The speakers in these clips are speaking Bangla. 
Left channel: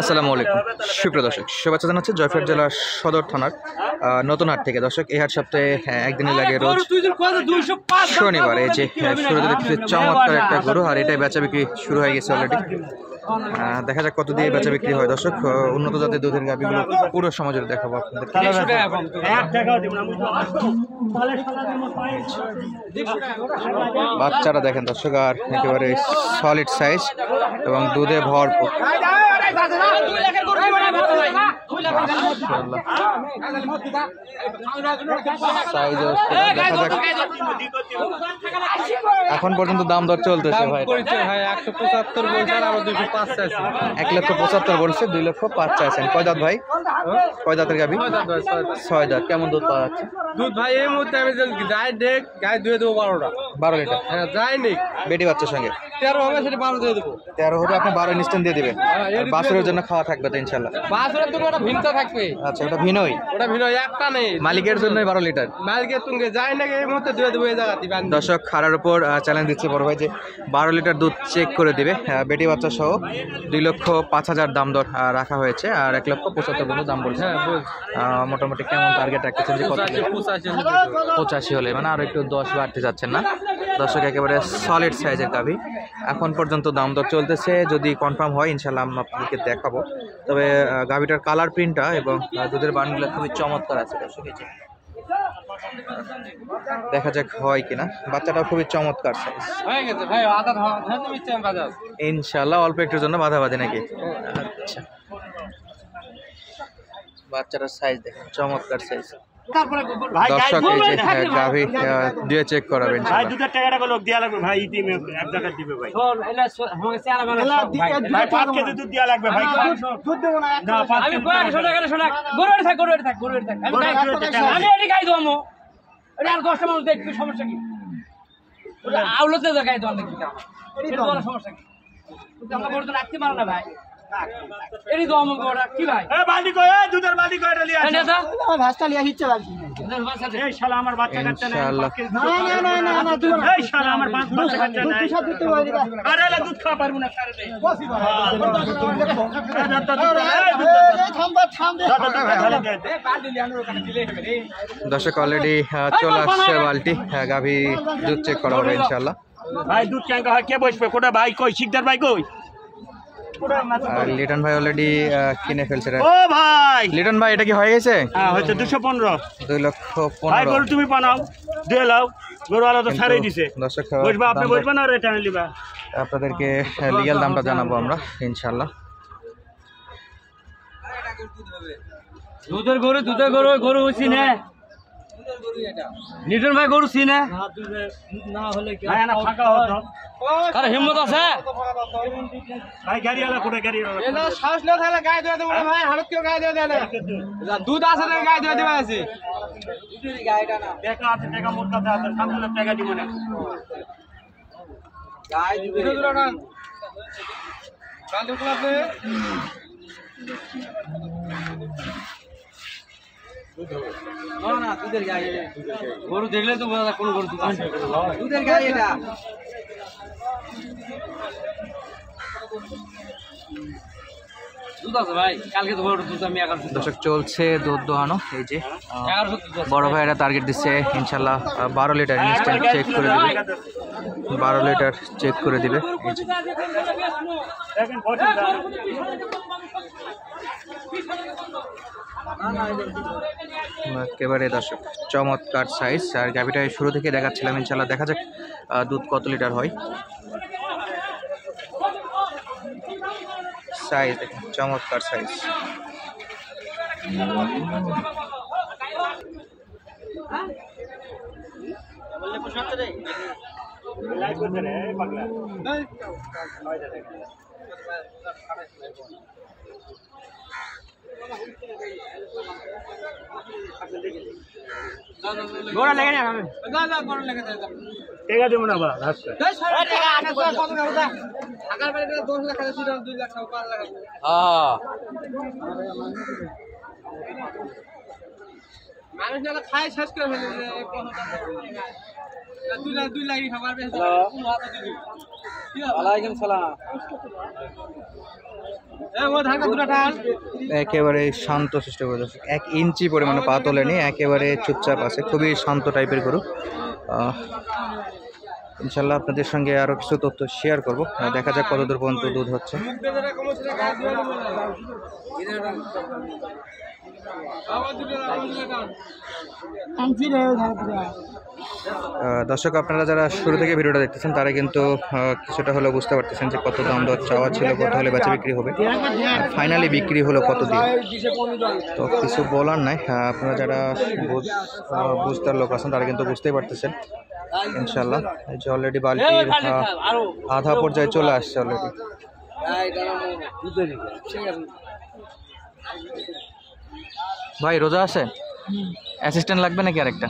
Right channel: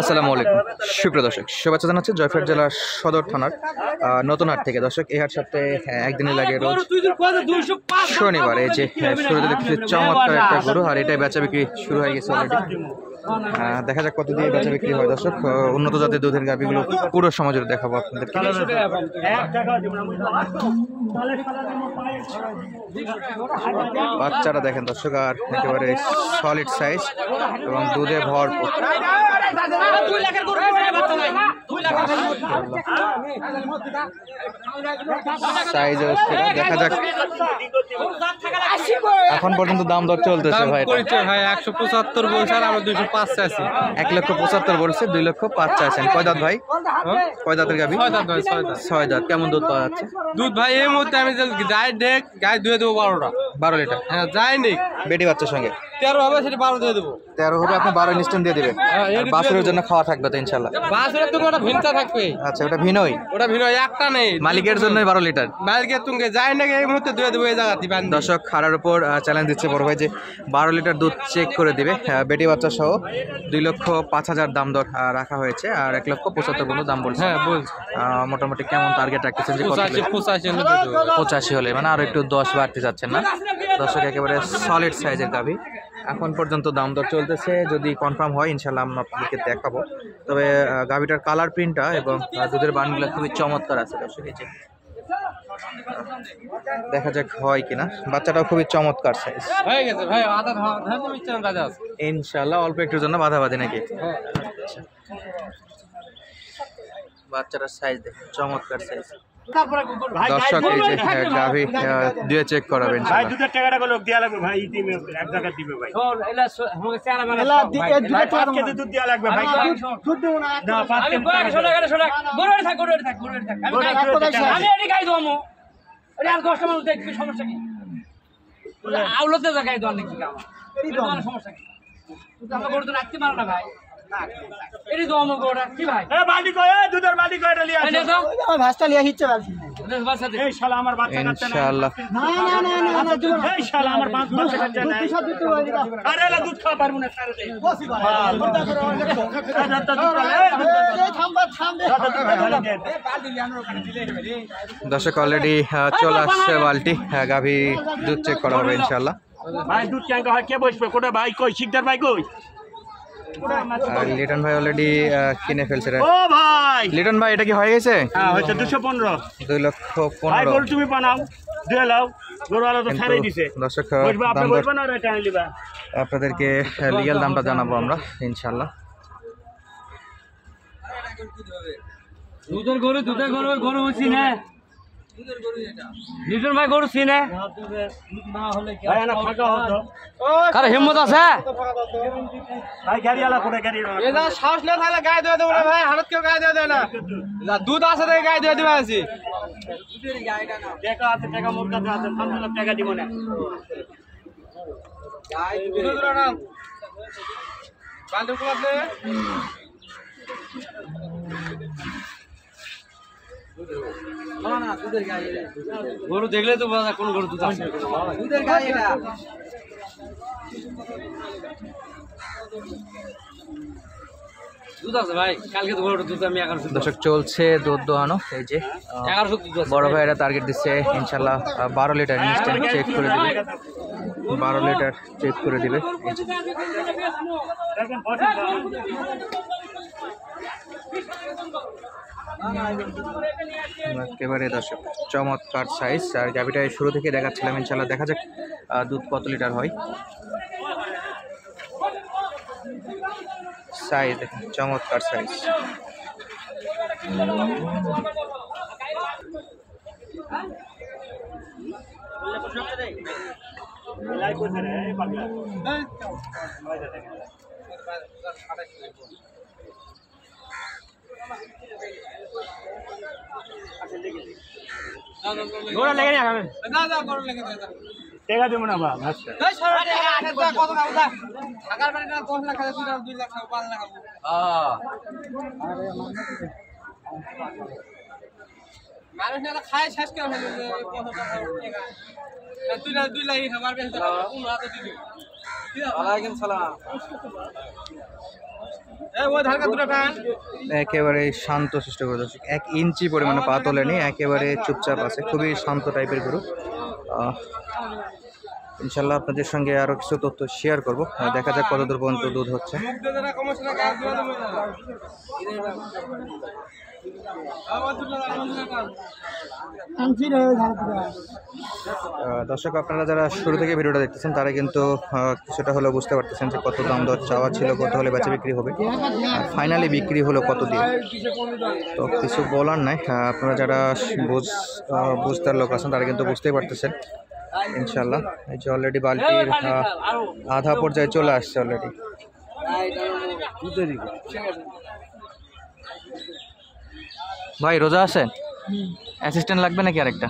আসসালামু আলাইকুম সুপ্রিয় দর্শক, শুভেচ্ছা জানাচ্ছি জয়পুরহাট জেলার সদর থানার নতুন হাট থেকে। দর্শক, এই হাট সপ্তাহে একদিনই লাগে রোজ শনিবার। এই যে শুরুতে দেখতেছি চমৎকার একটা গরু, আর এটাই বেচা বিক্রি শুরু হয়ে গেছে অলরেডি। দেখা যাক কত দিয়ে বেচা বিক্রি হয়। দর্শক, উন্নত জাতের দুধের গাভীগুলো পুরো সমাজের দেখাবো আপনাদেরকে। বাচ্চারা দেখেন দর্শক, আর একেবারে সলিড সাইজ এবং দুধে ভরপুর। সাইজ দেখা যাক। এখন পর্যন্ত দাম দর চলতেছে ভাই। 175 বলছেন, আমরা 205 চাইছি। 1,75,000 বলছে, 2,05,000 চাইছেন। কয় দাঁত ভাই? কয় দাঁতের গাভী? 6 দাঁত। কেমন দুধ পাওয়া যাচ্ছে? দুধ ভাই এই মুহূর্তে আমি যাই দেখ গায়ে ধুয়ে দেবো 12টা। 12 লিটার। হ্যাঁ, যাই নি বেটি বাচ্চার সঙ্গে 13 হবে, সেটা 12 দিয়ে দেবো। 13 হবে, আপনি 12 ইনস্ট্যান্ট দিয়ে দিবেন। আর বাছুরের জন্য খাওয়া থাকবে তো ইনশাআল্লাহ। বাছুরের জন্য ওটা ভিনতা থাকবে। আচ্ছা, ওটা ভিনই? ওটা ভিনো, একটা নেই। মালিকের জন্য 12 লিটার। মালিকের তুঙ্গে যাই না এই মুহূর্তে ধুয়ে দেবো এই জায়গা দিবেন। দর্শক, খাড়ার উপর চ্যালেঞ্জ দিচ্ছে বড় ভাই যে 12 লিটার দুধ চেক করে দিবে। বেটি বাচ্চা সহ 2,05,000 দাম দর রাখা হয়েছে, আর 1,75,000 পর্যন্ত দাম বলছে। মোটামুটি কেমন টার্গেট রাখতেছেন যে কত? 85 হলে, মানে আরো একটু 10 বাড়তে যাচ্ছেন না? দর্শক, একেবারে সলিড সাইজের গাভী। এখন পর্যন্ত দাম দর চলতেছে, যদি কনফার্ম হয় ইনশাল্লাহ আমরা আপনাদেরকে দেখাবো। তবে গাভীটার কালার প্রিন্টটা এবং দুধের বানগুলো খুবই চমৎকার আছে দর্শক। এই যে দেখা যাক হয় কিনা। বাচ্চাটাও খুবই চমৎকার সাইজ। ইনশাল্লাহ অল্প একটুর জন্য বাধাবাধি নাকি? আচ্ছা, বাচ্চাটার সাইজ দেখেন, চমৎকার সাইজ। দর্শক, এই যে গাভী দিয়ে চেক করাবেন। ভাই দুধের টাকাটা লোক দেয়া লাগবে ভাই, ইতিমে এক জায়গা দিবে ভাই। ভাই 5 কেজি দুধ দেয়া লাগবে ভাই। দুধ দেব না, আমি 5 টাকা শোনা গরুর থাক আমি এডি গাই দমো। আরে আর কাস্টমার দেখবে, সমস্যা কি? ওটা আউলতে গাই দম নাকি কাম? এডি দম সমস্যা কি? তুই আমরা গরু তো রাখতে পারো না ভাই। এডি দম গরু কি ভাই? এ বালতি কই, দুধের বালতি কই এটা লিয়া আসো। এটা আমার ভাস্তা লিয়া হিচ্ছে বালতি। এই শালা আমার বাচ্চা কাচ্চা নাই। ইনশাআল্লাহ। না এই শালা আমার বাচ্চা কাচ্চা নাই। আরে এলা দুধ খাওয়া পারবো না সারে দে। বসি ভাই। দর্শক, অলরেডি চলে আসছে বালতি। গাভী দুধ চেক করা হবে ইনশাআল্লাহ। ভাই দুধ চাঙ্গা হয়, কে বসবে? কোটা ভাই কই? শিকদার ভাই কই? আর লিটন ভাই অলরেডি কিনে ফেলছে। ও ভাই লিটন ভাই, এটা কি হয়ে গেছে? হ্যাঁ হচ্ছে 215। 2,15,000 গরু তুমি বানাও, দিয়ে লাও। গরু আলাদা ছাড়াই দিছে। দর্শক, বসবা আপনি, বসবা না রে টাইম লিবা। আপনাদেরকে লিগ্যাল দামটা জানাবো আমরা ইনশাআল্লাহ। দুধের গরু গরু হইছি না লিটন ভাই, গরু চিনে না হলে কি ভাই না ফাঁকা হতো? কার হিম্মত আছে ভাই গাড়ি আলা করে গাড়ি এটা শ্বাস লে থাকলে গায়ে ধুয়ে দেব না ভাই, হালত কেউ গায়ে ধুয়ে দেয় না। দুধ আছে রে, গায়ে ধুয়ে দিবা আছে। টাকা আছে, টাকা মোর কাছে আছে, সামনে টাকা দিব না। গায়ে ধুয়ে দিল না বান্দর কুলাতে। না দুধের গায়ে গরু দেখলে তো বোঝা কোন গরু দুধ আছে। দুধের গায়ে এটা দুধ আছে ভাই, কালকে তো গরুর দুধ আমি 1100। দর্শক, চলছে দুধ দোহানো। এই যে 1100 দুধ আছে। বড় ভাইরা টার্গেট দিচ্ছে ইনশাআল্লাহ 12 লিটার ইনস্ট্যান্ট চেক করে দিবে। 12 লিটার চেক করে দিবে। এই যে দেখেন বসে একেবারে দর্শক চমৎকার সাইজ। আর গাভিটা শুরু থেকে দেখাচ্ছিলাম, ইনশাআল্লাহ দেখা যাক দুধ কত লিটার হয়। সাইজ দেখেন, চমৎকার সাইজ। লাইভ করতে রে পাগলা। গোড়া লেগে না খাবে, যা যা গোড়া লেগে দে। টাকা দেব না বাবা, আচ্ছা এই সরে টাকা আগে কত খাবো দা ঢাকার বাড়ি 10 লাখ টাকা ছিল, 2 লাখ খাবো, 5 লাখ খাবো। মানুষ না খায় শেষ করে ফেলে। ওয়ালাইকুম সালাম। একেবারে শান্ত সৃষ্ট করে দর্শক, 1 ইঞ্চি পরিমাণে পা তোলেনি, একেবারে চুপচাপ আছে, খুবই শান্ত টাইপের গরু। ইনশাল্লাহ আপনাদের সঙ্গে আরও কিছু তথ্য শেয়ার করব, দেখা যাক কতদূর পর্যন্ত দুধ হচ্ছে। দর্শক আপনারা যারা শুরু থেকে ভিডিওটা দেখতেছেন তারা কিন্তু কিছুটা হলেও বুঝতে পারতেছেন যে কত দাম দর চাওয়া ছিল, কত হলে বেচা বিক্রি হবে, আর ফাইনালি বিক্রি হলো কত দিয়ে। তো কিছু বলার নাই, আপনারা যারা বুঝতার লোক আছেন তারা কিন্তু বুঝতেই পারতেছেন। ইনশাল্লাহ এই যে অলরেডি বালতির আধা পর্যায়ে চলে আসছে অলরেডি। ভাই রোজা আছেন? অ্যাসিস্ট্যান্ট লাগবে নাকি আরেকটা?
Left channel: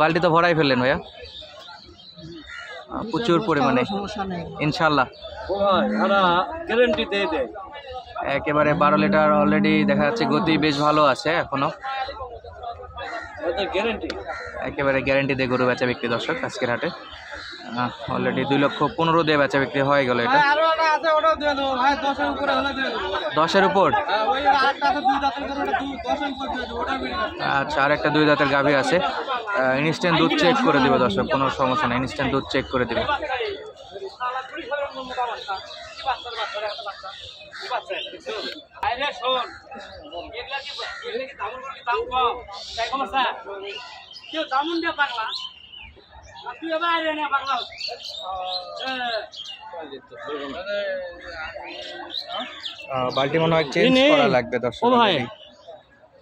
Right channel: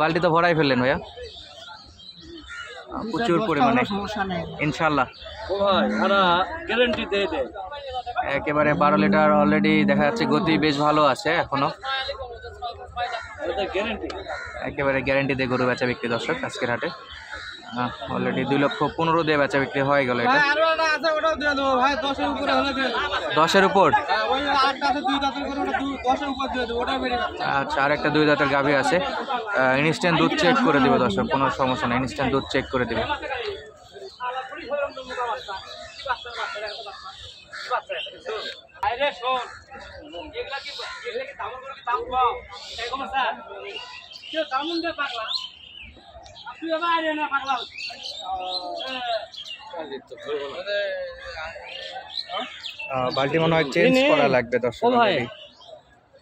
বালতি তো ভরাই ফেললেন ভাইয়া, প্রচুর পরিমাণে ইনশাল্লাহ। একেবারে 12 লিটার অলরেডি দেখা যাচ্ছে, গতি বেশ ভালো আছে এখনো, একেবারে গ্যারেন্টি দিয়ে গরু বেচা বিক্রি দর্শক আজকের হাটে। অলরেডি 2,15,000 দিয়ে বেচা বিক্রি হয়ে গেল। এটা 10-এর উপর। আচ্ছা, আর একটা 2 দাঁতের গাভী আছে, ইনস্ট্যান্ট দুধ চেক করে দিবে দর্শক, কোনো সমস্যা নেই, ইনস্ট্যান্ট দুধ চেক করে দিবে। বালতি মনে হয় চেঞ্জ করা লাগবে দর্শক।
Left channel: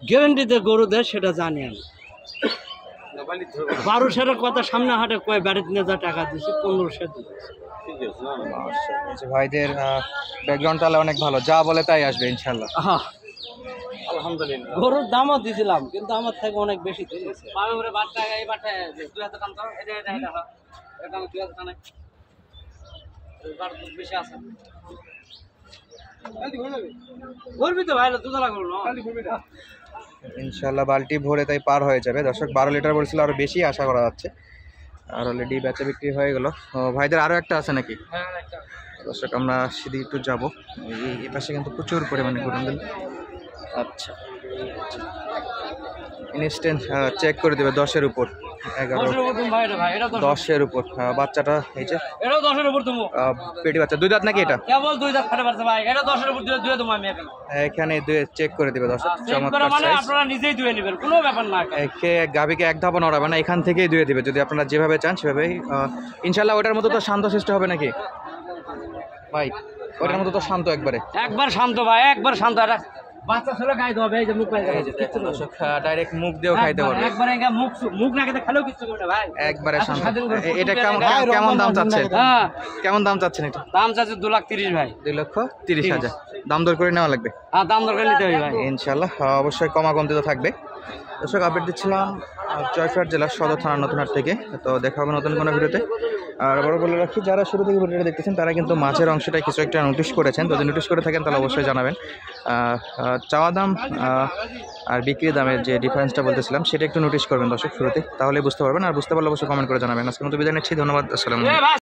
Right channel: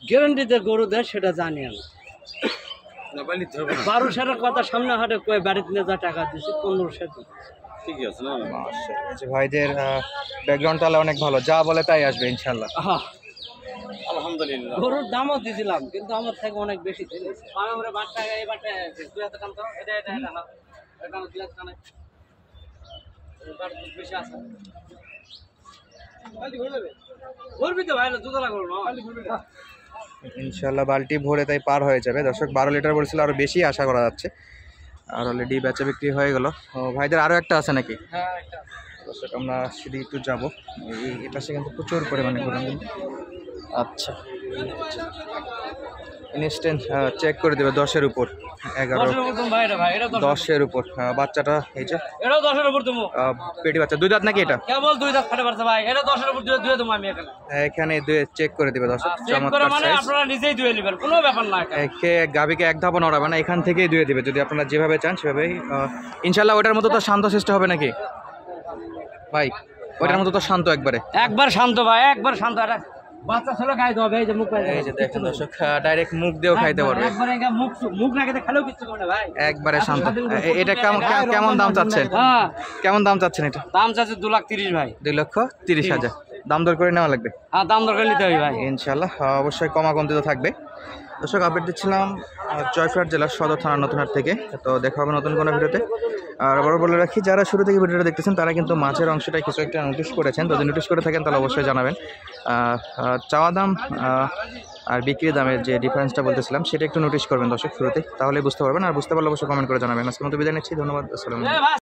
গ্যারান্টিতে গরু দেয় সেটা জানি আমি। 1200-এর কথা সামনে হাটে কয়ে বাড়িতে নিয়ে যা টাকা দিচ্ছে 1500 ঠিক আছে না। মাশাআল্লাহ, ভাইদের ব্যাকগ্রাউন্ড তাহলে অনেক ভালো, যা বলে তাই আসবে ইনশাআল্লাহ। আলহামদুলিল্লাহ। গরুর দামও দিছিলাম কিন্তু আমার থেকে অনেক বেশি দিয়েছে। ইনশাআল্লাহ বালতি ভরে তাই পার হয়ে যাবে দর্শক। 12 লিটার বলছিল, আরো বেশি আশা করা যাচ্ছে, আর অলরেডি বেচা বিক্রি হয়ে গেল। ভাইদের আরো একটা আছে নাকি? দর্শক আমরা সেদিকে একটু যাবো, এই পাশে কিন্তু প্রচুর পরিমাণে গরু। আচ্ছা, ইনস্ট্যান্ট চেক করে দেবে 10-এর উপর, 11, 10-এর উপর। বাচ্চাটা এই যে এটাও 10-এর উপর তুমি পেটি বাচ্চা, 2 দাঁত নাকি এটা? কেবল 2 দাঁত ফাটে পারছে ভাই, এটা 10-এর উপর দিয়ে দেবো আমি এখানে। এখানে চেক করে দিবে দর্শক, চমৎকার মানে সাইজ। আপনারা নিজেই ধুয়ে নেবেন, কোনো ব্যাপার না। একে গাবিকে এক ধাপও নড়াবে না, এখান থেকেই ধুয়ে দিবে যদি আপনারা যেভাবে চান সেভাবেই। ইনশাআল্লাহ ওটার মতো তো শান্ত সৃষ্ট হবে নাকি ভাই? ওটার মতো তো শান্ত একবারে, একবার শান্ত ভাই, একবার শান্ত। এটা বাচ্চা ছেলে খাইতে হবে, এই যে মুখ পাইছে, দেখুন দর্শক ডাইরেক্ট মুখ দিয়েও খাইতে পারবে, একবার মুখ না খেতে খেলেও কিছু করবে না ভাই, একবারে শান্ত। এটা কেমন দাম চাচ্ছেন? কেমন দাম চাচ্ছেন এটা? দাম চাচ্ছে 2,30,000 ভাই। 2,30,000 দাম দর করে নেওয়া লাগবে। হ্যাঁ, দাম দর করে নিতে হবে ভাই ইনশাআল্লাহ, অবশ্যই কমাকমতি তো থাকবে। দর্শক আপডেট দিচ্ছিলাম জয়পুরহাট জেলার সদর থানা নতুনহাট থেকে। তো দেখা হবে নতুন কোনো ভিডিওতে। আর আবারও বলে রাখি, যারা শুরু থেকে ভিডিওটা দেখতেছেন তারা কিন্তু মাঝের অংশটায় কিছু একটা নোটিশ করেছেন, তো যদি নোটিশ করে থাকেন তাহলে অবশ্যই জানাবেন। চাওয়া দাম আর বিক্রি দামের যে ডিফারেন্সটা বলতেছিলাম সেটা একটু নোটিশ করবেন দর্শক শুরুতে, তাহলে বুঝতে পারবেন। আর বুঝতে পারলে অবশ্যই কমেন্ট করে জানাবেন। আজকের মতো বিদায় নিচ্ছি, ধন্যবাদ, আসসালামু আলাইকুম।